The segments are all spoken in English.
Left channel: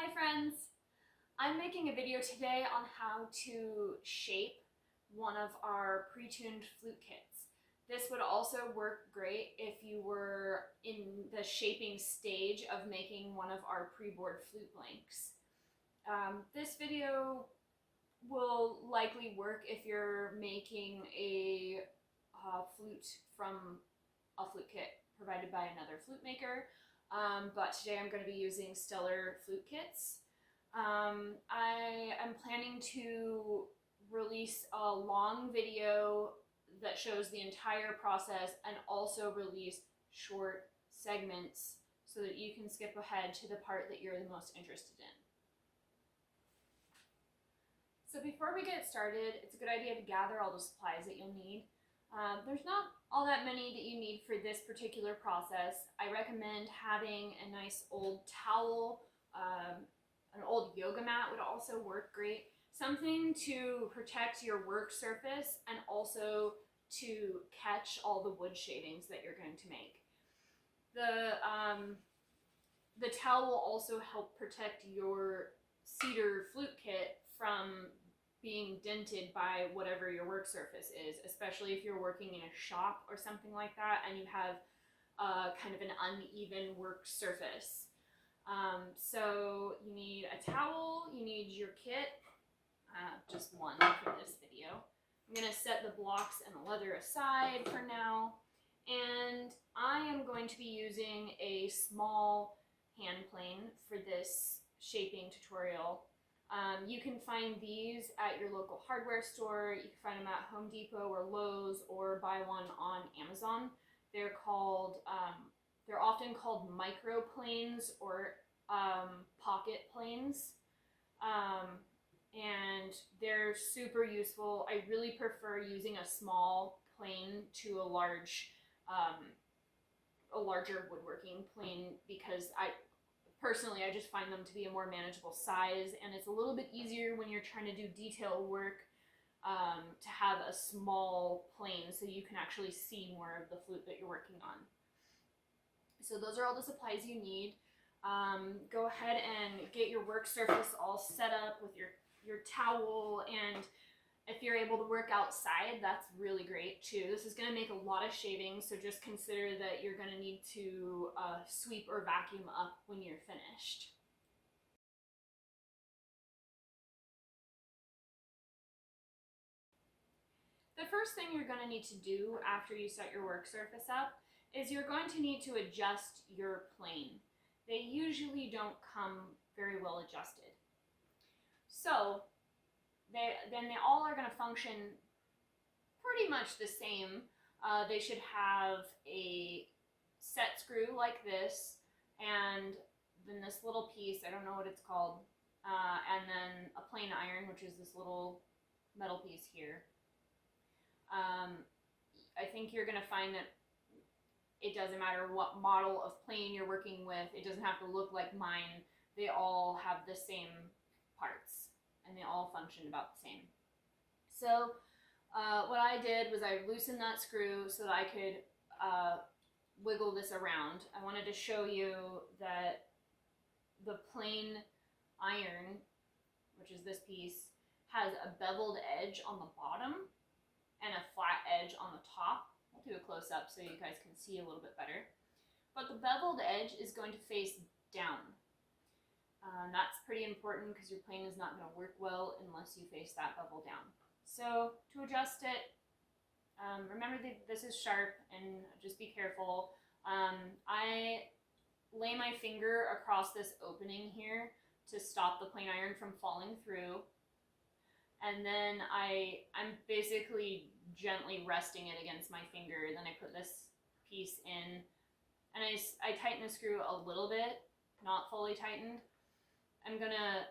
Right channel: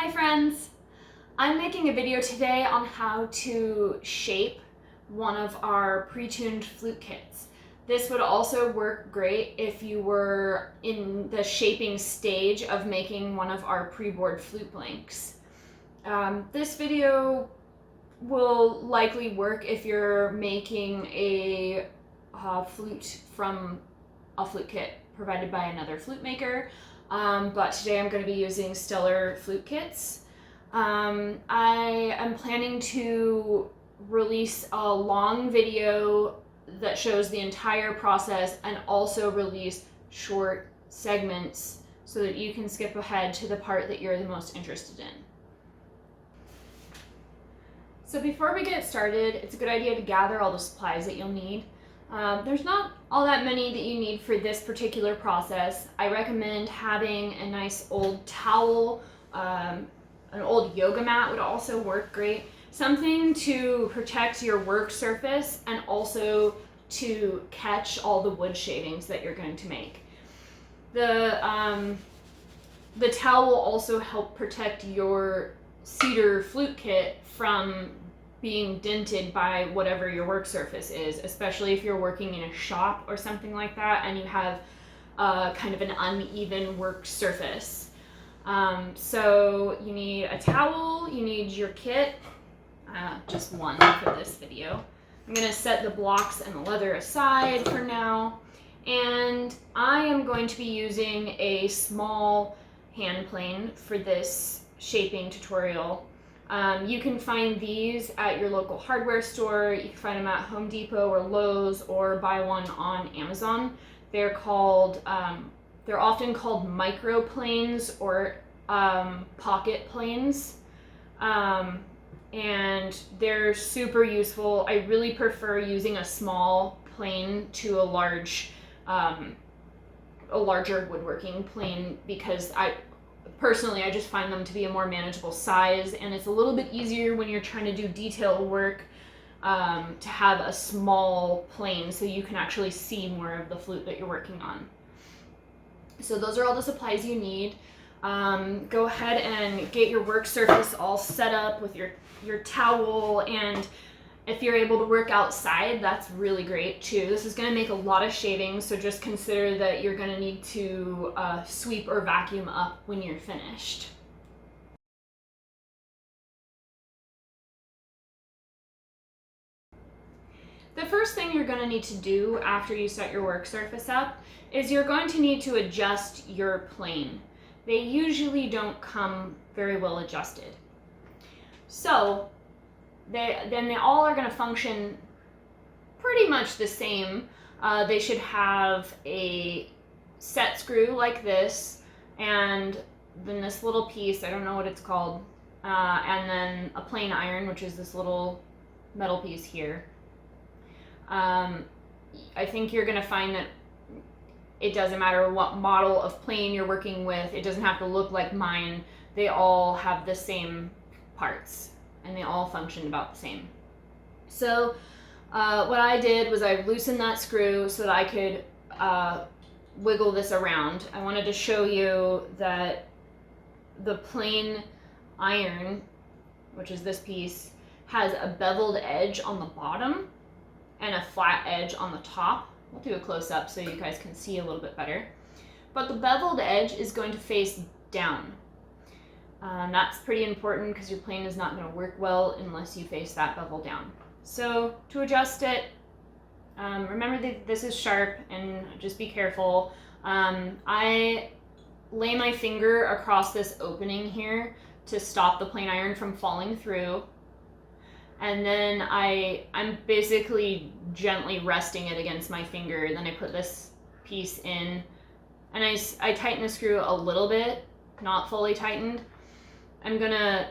Hi friends! I'm making a video today on how to shape one of our pre-tuned flute kits. This would also work great if you were in the shaping stage of making one of our pre-board flute blanks. This video will likely work if you're making a flute from a flute kit provided by another flute maker. But today I'm going to be using Stellar flute kits. I am planning to release a long video that shows the entire process and also release short segments so that you can skip ahead to the part that you're the most interested in. So before we get started, it's a good idea to gather all the supplies that you'll need. There's not all that many that you need for this particular process. I recommend having a nice old towel, an old yoga mat would also work great. Something to protect your work surface and also to catch all the wood shavings that you're going to make. The towel will also help protect your cedar flute kit from being dented by whatever your work surface is, especially if you're working in a shop or something like that and you have kind of an uneven work surface. So you need a towel, you need your kit, just one for this video. I'm going to set the blocks and the leather aside for now, and I am going to be using a small hand plane for this shaping tutorial. You can find these at your local hardware store. You can find them at Home Depot or Lowe's, or buy one on Amazon. They're called, they're often called micro planes or pocket planes, and they're super useful. I really prefer using a small plane to a larger woodworking plane because I just find them to be a more manageable size, and it's a little bit easier when you're trying to do detail work to have a small plane so you can actually see more of the flute that you're working on. So those are all the supplies you need. Go ahead and get your work surface all set up with your towel, and if you're able to work outside, that's really great too. This is going to make a lot of shavings, so just consider that you're going to need to sweep or vacuum up when you're finished. The first thing you're going to need to do after you set your work surface up is you're going to need to adjust your plane. They usually don't come very well adjusted. So they all are going to function pretty much the same. They should have a set screw like this, and then this little piece, I don't know what it's called, and then a plain iron, which is this little metal piece here. I think you're going to find that it doesn't matter what model of plane you're working with. It doesn't have to look like mine. They all have the same parts and they all function about the same. So what I did was I loosened that screw so that I could wiggle this around. I wanted to show you that the plain iron, which is this piece, has a beveled edge on the bottom and a flat edge on the top. We'll do a close-up so you guys can see a little bit better. But the beveled edge is going to face down. That's pretty important because your plane is not going to work well unless you face that bevel down. So to adjust it, remember that this is sharp and just be careful. I lay my finger across this opening here to stop the plain iron from falling through. And then I'm basically gently resting it against my finger. Then I put this piece in, and I tighten the screw a little bit, not fully tightened. I'm gonna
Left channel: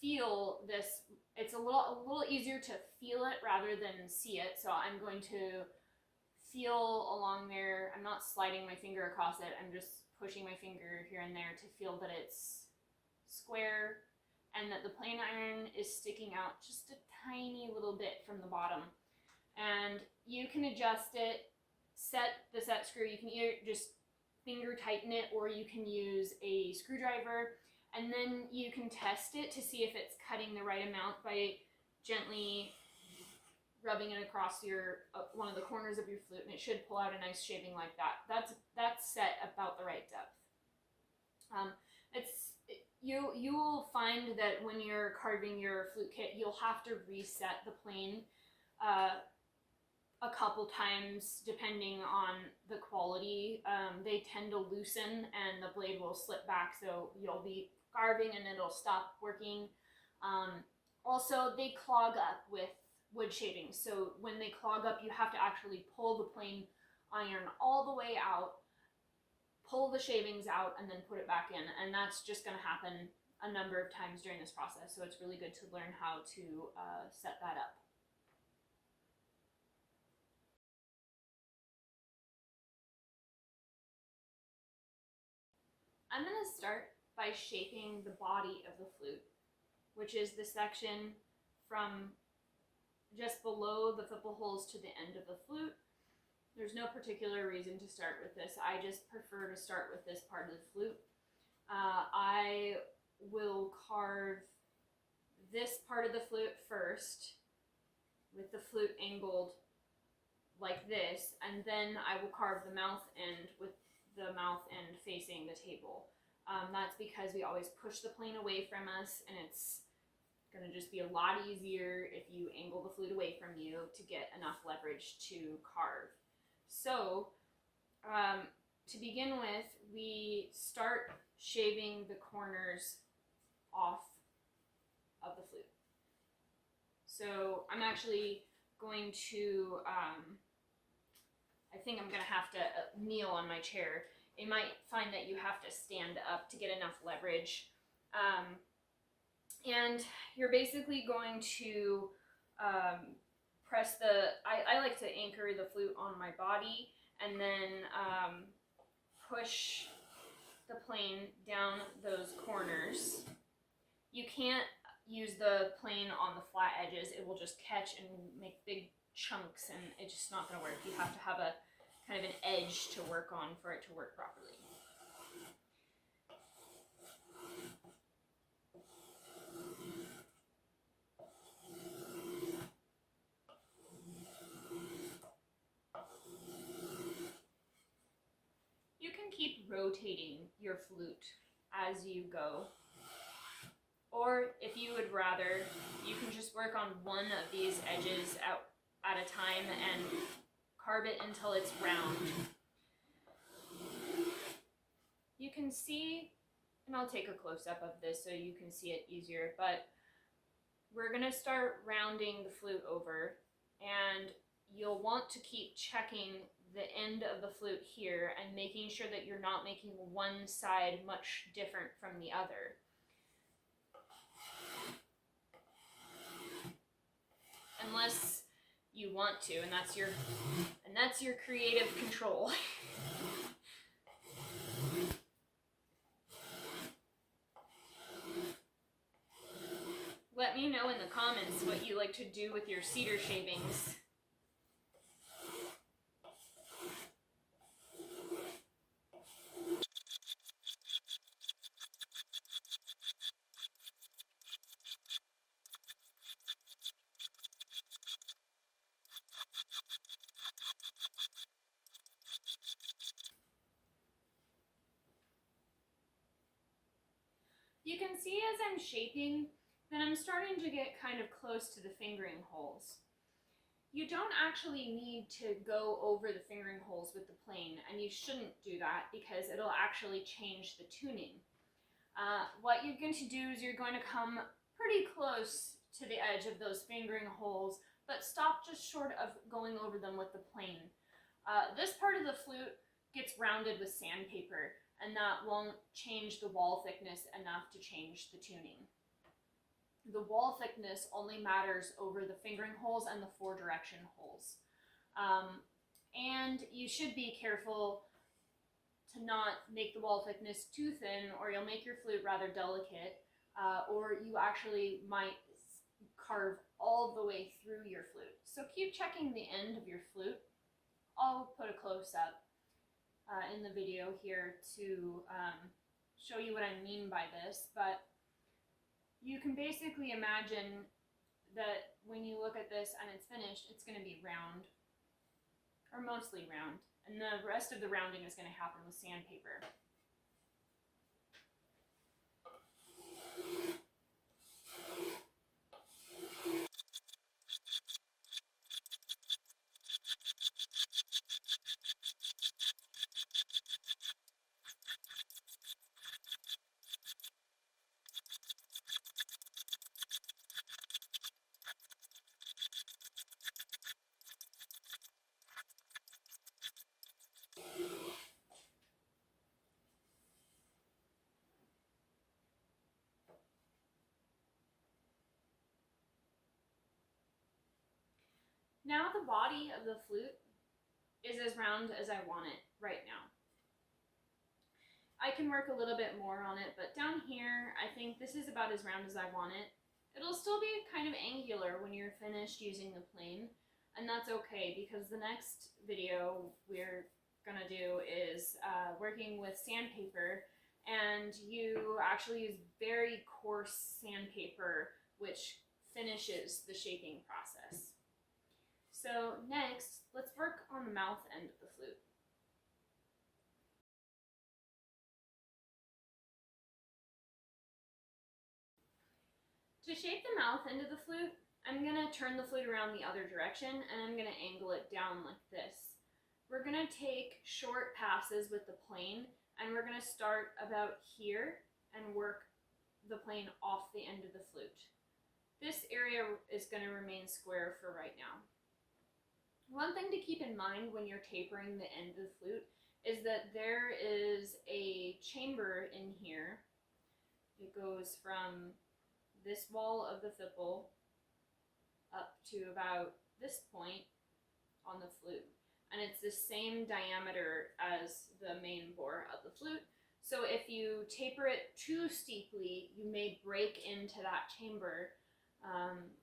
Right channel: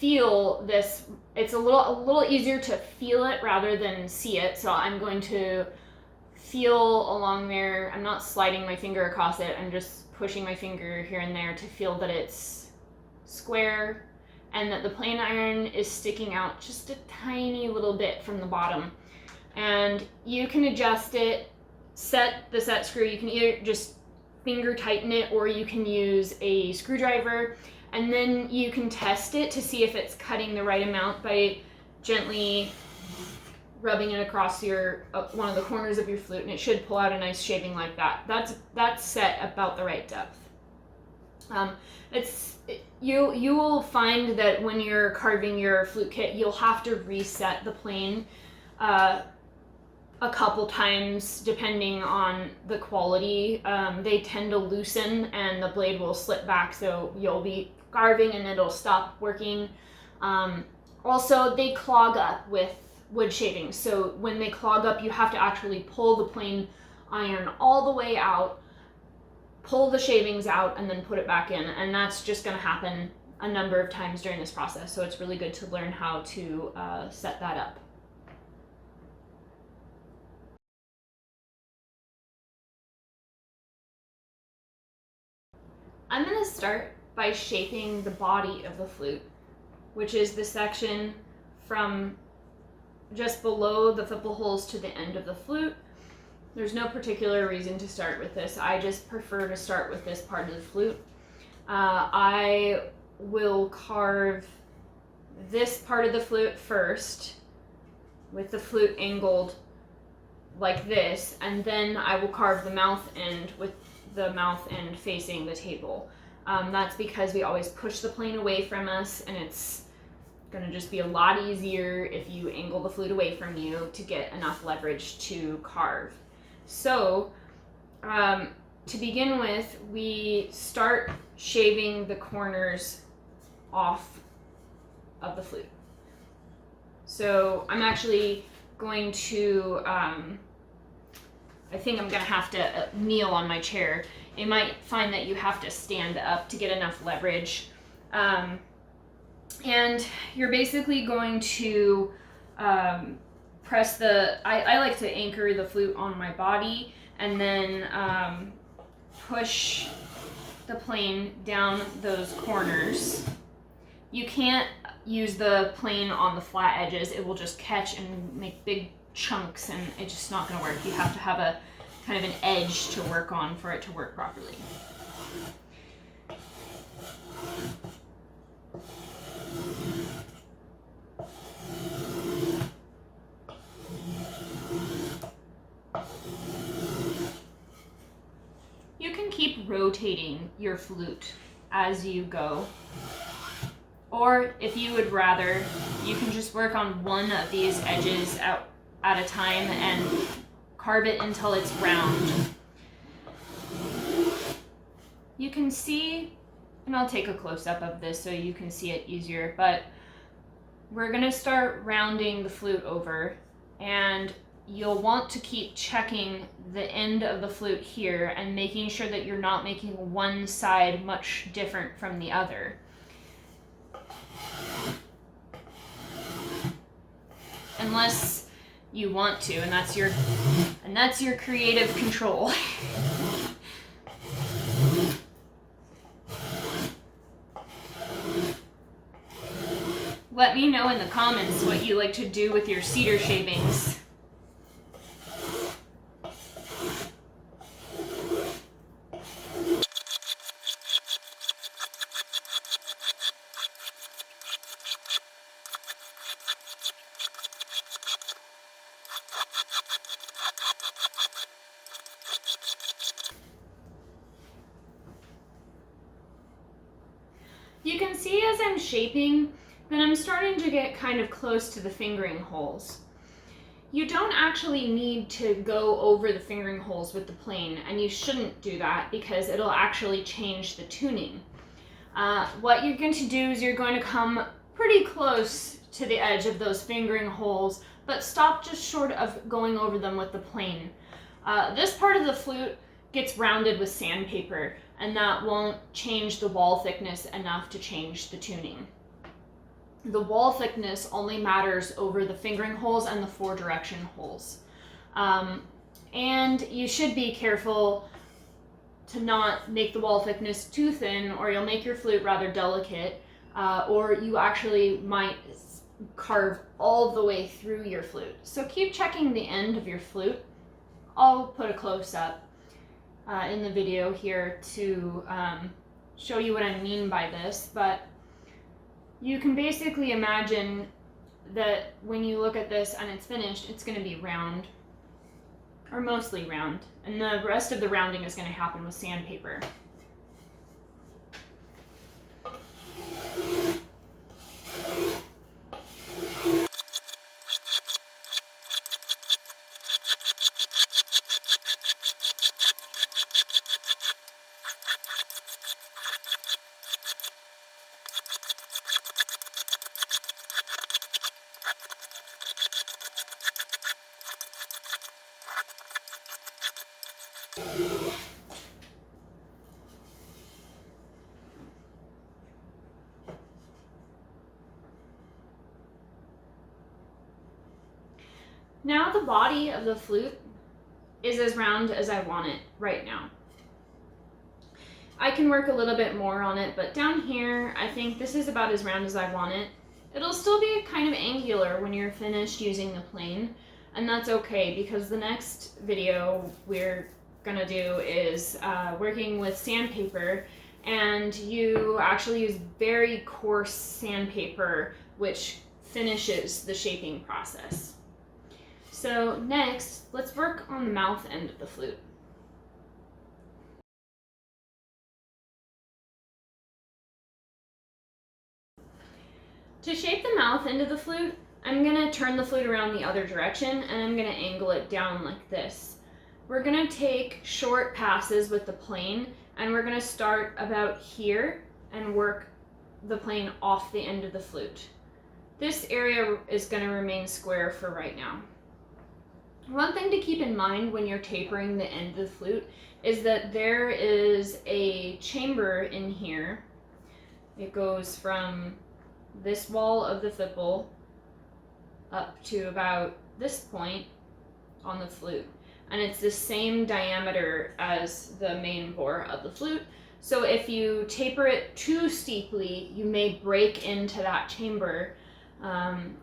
feel this. It's a little easier to feel it rather than see it. So I'm going to feel along there. I'm not sliding my finger across it. I'm just pushing my finger here and there to feel that it's square, and that the plain iron is sticking out just a tiny little bit from the bottom. And you can adjust it, set screw. You can either just finger tighten it, or you can use a screwdriver. And then you can test it to see if it's cutting the right amount by gently rubbing it across your one of the corners of your flute, and it should pull out a nice shaving like that. That's set about the right depth. You will find that when you're carving your flute kit, you'll have to reset the plane a couple times depending on the quality. They tend to loosen and the blade will slip back, so you'll be carving and it'll stop working. Also, they clog up with wood shavings, so when they clog up, you have to actually pull the plane iron all the way out, pull the shavings out, and then put it back in, and that's just going to happen a number of times during this process, so it's really good to learn how to set that up. I'm going to start by shaping the body of the flute, which is the section from just below the thimble holes to the end of the flute. There's no particular reason to start with this. I just prefer to start with this part of the flute. I will carve this part of the flute first with the flute angled like this, and then I will carve the mouth end with the mouth end facing the table. That's because we always push the plane away from us, and it's going to just be a lot easier if you angle the flute away from you to get enough leverage to carve. So to begin with, we start shaving the corners off of the flute. So I'm actually going to, I think I'm going to have to kneel on my chair. You might find that you have to stand up to get enough leverage. And you're basically going to press the, I like to anchor the flute on my body and then push the plane down those corners. You can't use the plane on the flat edges. It will just catch and make big chunks, and it's just not going to work. You have to have a kind of an edge to work on for it to work properly. You can keep rotating your flute as you go. Or if you would rather, you can just work on one of these edges at a time and carve it until it's round. You can see, and I'll take a close-up of this so you can see it easier, but we're going to start rounding the flute over, and you'll want to keep checking the end of the flute here and making sure that you're not making one side much different from the other. Unless you want to, and that's your creative control. Let me know in the comments what you like to do with your cedar shavings. You can see as I'm shaping that I'm starting to get kind of close to the fingering holes. You don't actually need to go over the fingering holes with the plane, and you shouldn't do that because it'll actually change the tuning. What you're going to do is you're going to come pretty close to the edge of those fingering holes, but stop just short of going over them with the plane. This part of the flute gets rounded with sandpaper, and that won't change the wall thickness enough to change the tuning. The wall thickness only matters over the fingering holes and the four direction holes. And you should be careful to not make the wall thickness too thin, or you'll make your flute rather delicate, or you actually might carve all the way through your flute. So keep checking the end of your flute. I'll put a close-up in the video here to show you what I mean by this, but you can basically imagine that when you look at this and it's finished, it's going to be round, or mostly round, and the rest of the rounding is going to happen with sandpaper. Now the body of the flute is as round as I want it right now. I can work a little bit more on it, but down here, I think this is about as round as I want it. It'll still be kind of angular when you're finished using the plane, and that's okay because the next video we're gonna do is working with sandpaper, and you actually use very coarse sandpaper, which finishes the shaping process. So next, let's work on the mouth end of the flute. To shape the mouth end of the flute, I'm going to turn the flute around the other direction and I'm going to angle it down like this. We're going to take short passes with the plane and we're going to start about here and work the plane off the end of the flute. This area is going to remain square for right now. One thing to keep in mind when you're tapering the end of the flute is that there is a chamber in here. It goes from this wall of the fipple up to about this point on the flute. And it's the same diameter as the main bore of the flute. So if you taper it too steeply, you may break into that chamber,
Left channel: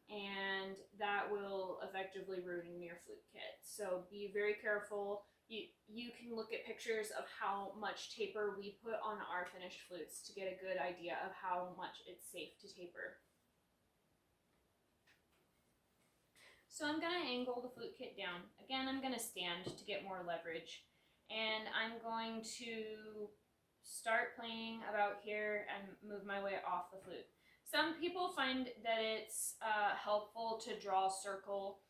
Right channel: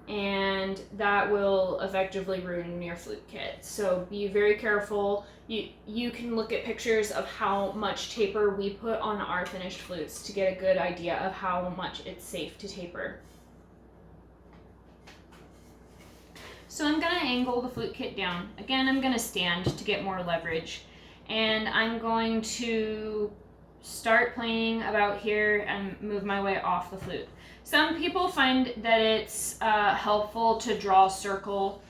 and that will effectively ruin your flute kit. So be very careful. You can look at pictures of how much taper we put on our finished flutes to get a good idea of how much it's safe to taper. So I'm going to angle the flute kit down. Again, I'm going to stand to get more leverage, and I'm going to start playing about here and move my way off the flute. Some people find that it's helpful to draw a circle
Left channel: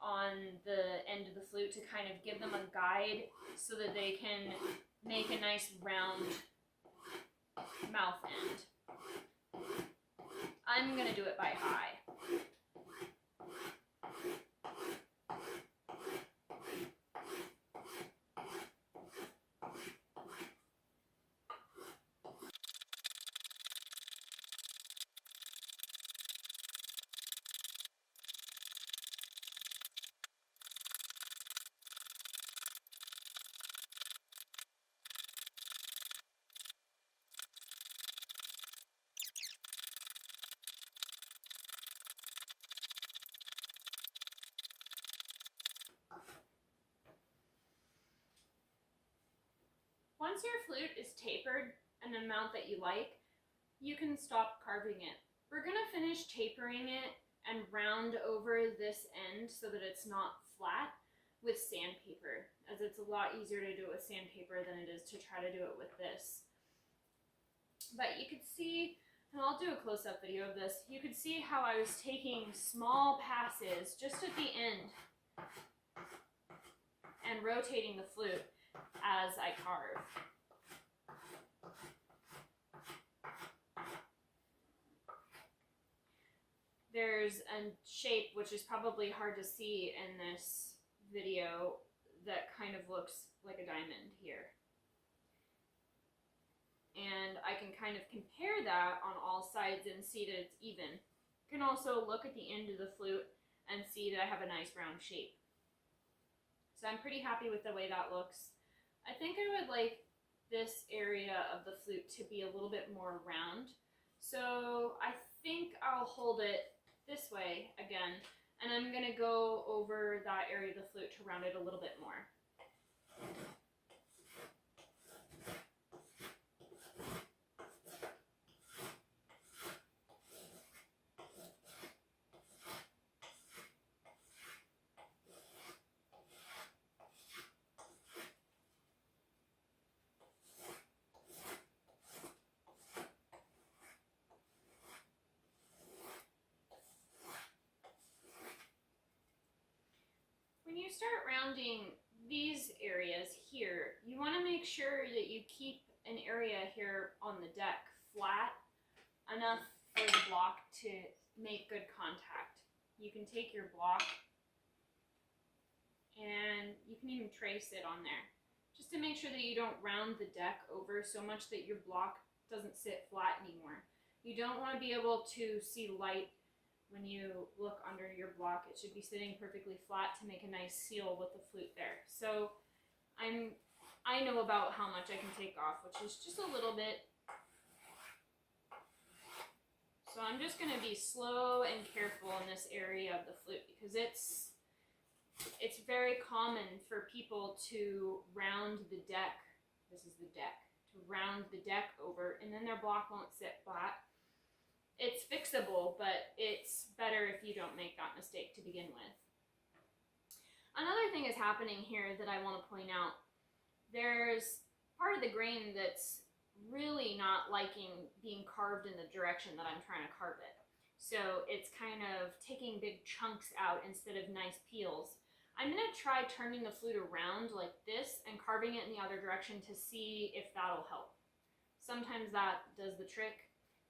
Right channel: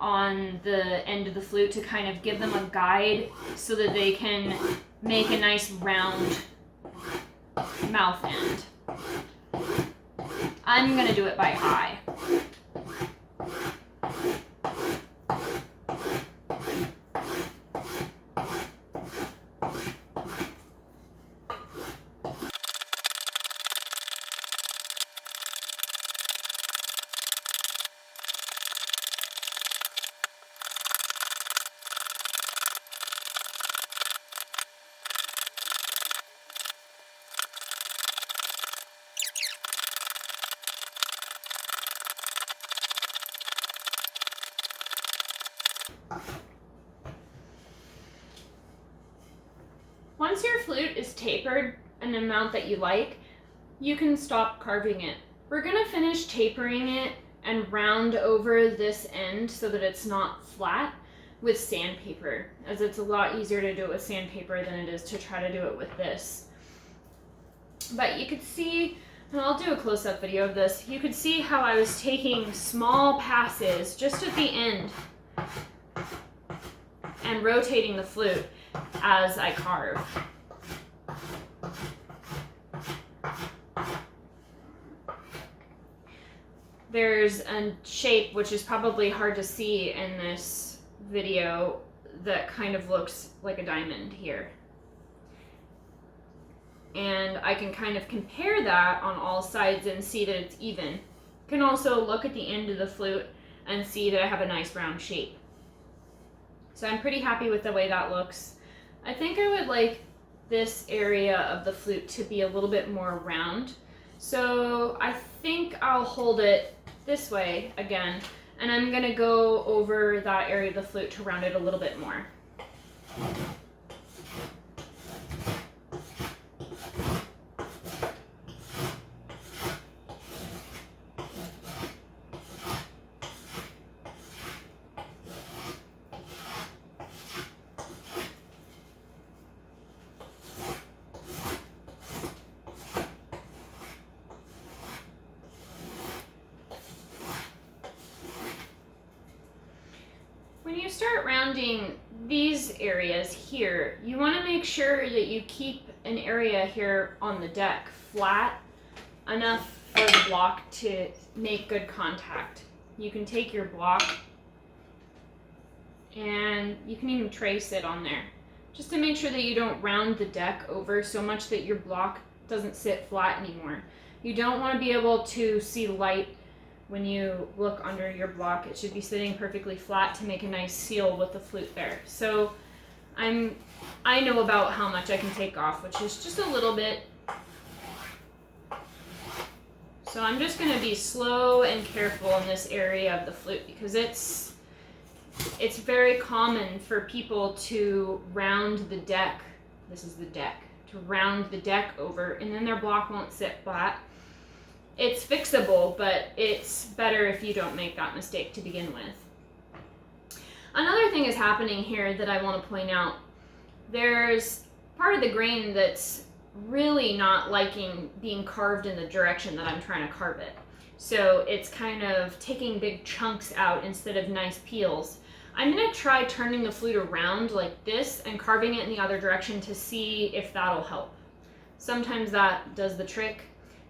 on the end of the flute to kind of give them a guide so that they can make a nice round mouth end. I'm going to do it by eye. Once your flute is tapered an amount that you like, you can stop carving it. We're going to finish tapering it and round over this end so that it's not flat with sandpaper, as it's a lot easier to do it with sandpaper than it is to try to do it with this. But you could see, and I'll do a close-up video of this, you could see how I was taking small passes just at the end and rotating the flute as I carve. There's a shape which is probably hard to see in this video that kind of looks like a diamond here. And I can kind of compare that on all sides and see that it's even. You can also look at the end of the flute and see that I have a nice round shape. So I'm pretty happy with the way that looks. I think I would like this area of the flute to be a little bit more round. So I think I'll hold it this way again, and I'm gonna go over that area of the flute to round it a little bit more. you start rounding these areas here, you want to make sure that you keep an area here on the deck flat enough for the block to make good contact. You can take your block and you can even trace it on there, just to make sure that you don't round the deck over so much that your block doesn't sit flat anymore. You don't want to be able to see light when you look under your block. It should be sitting perfectly flat to make a nice seal with the flute there. So I know about how much I can take off, which is just a little bit. So I'm just going to be slow and careful in this area of the flute, because it's very common for people to round the deck. This is the deck. To round the deck over, and then their block won't sit flat. It's fixable, but it's better if you don't make that mistake to begin with. Another thing is happening here that I want to point out. There's part of the grain that's really not liking being carved in the direction that I'm trying to carve it. So it's kind of taking big chunks out instead of nice peels. I'm going to try turning the flute around like this and carving it in the other direction to see if that'll help. Sometimes that does the trick.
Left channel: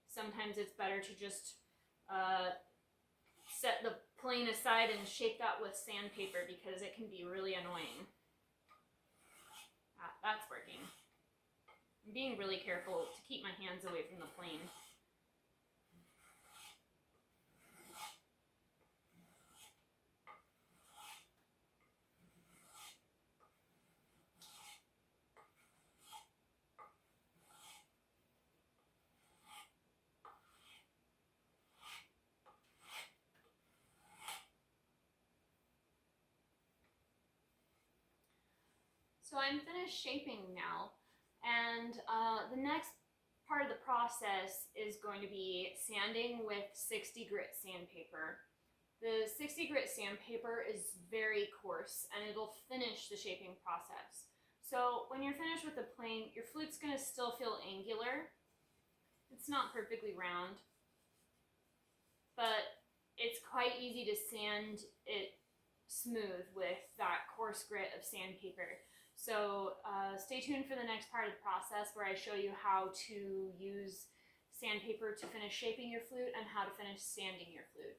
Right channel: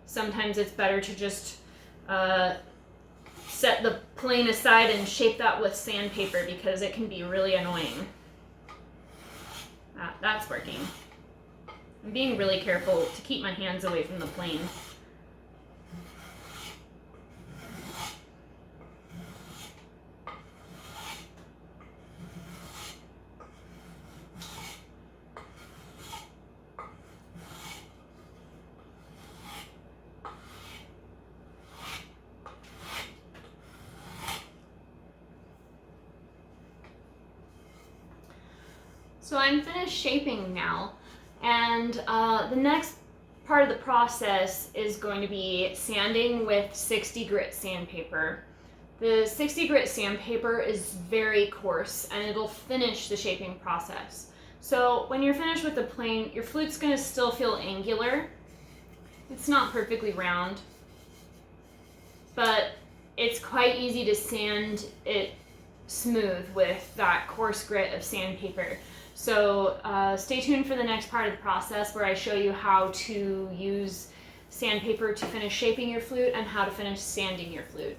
Sometimes it's better to just set the plane aside and shape that with sandpaper, because it can be really annoying. That's working. I'm being really careful to keep my hands away from the plane. So I'm finished shaping now, and the next part of the process is going to be sanding with 60 grit sandpaper. The 60 grit sandpaper is very coarse, and it'll finish the shaping process. So when you're finished with the plane, your flute's going to still feel angular. It's not perfectly round, but it's quite easy to sand it smooth with that coarse grit of sandpaper. So stay tuned for the next part of the process, where I show you how to use sandpaper to finish shaping your flute and how to finish sanding your flute.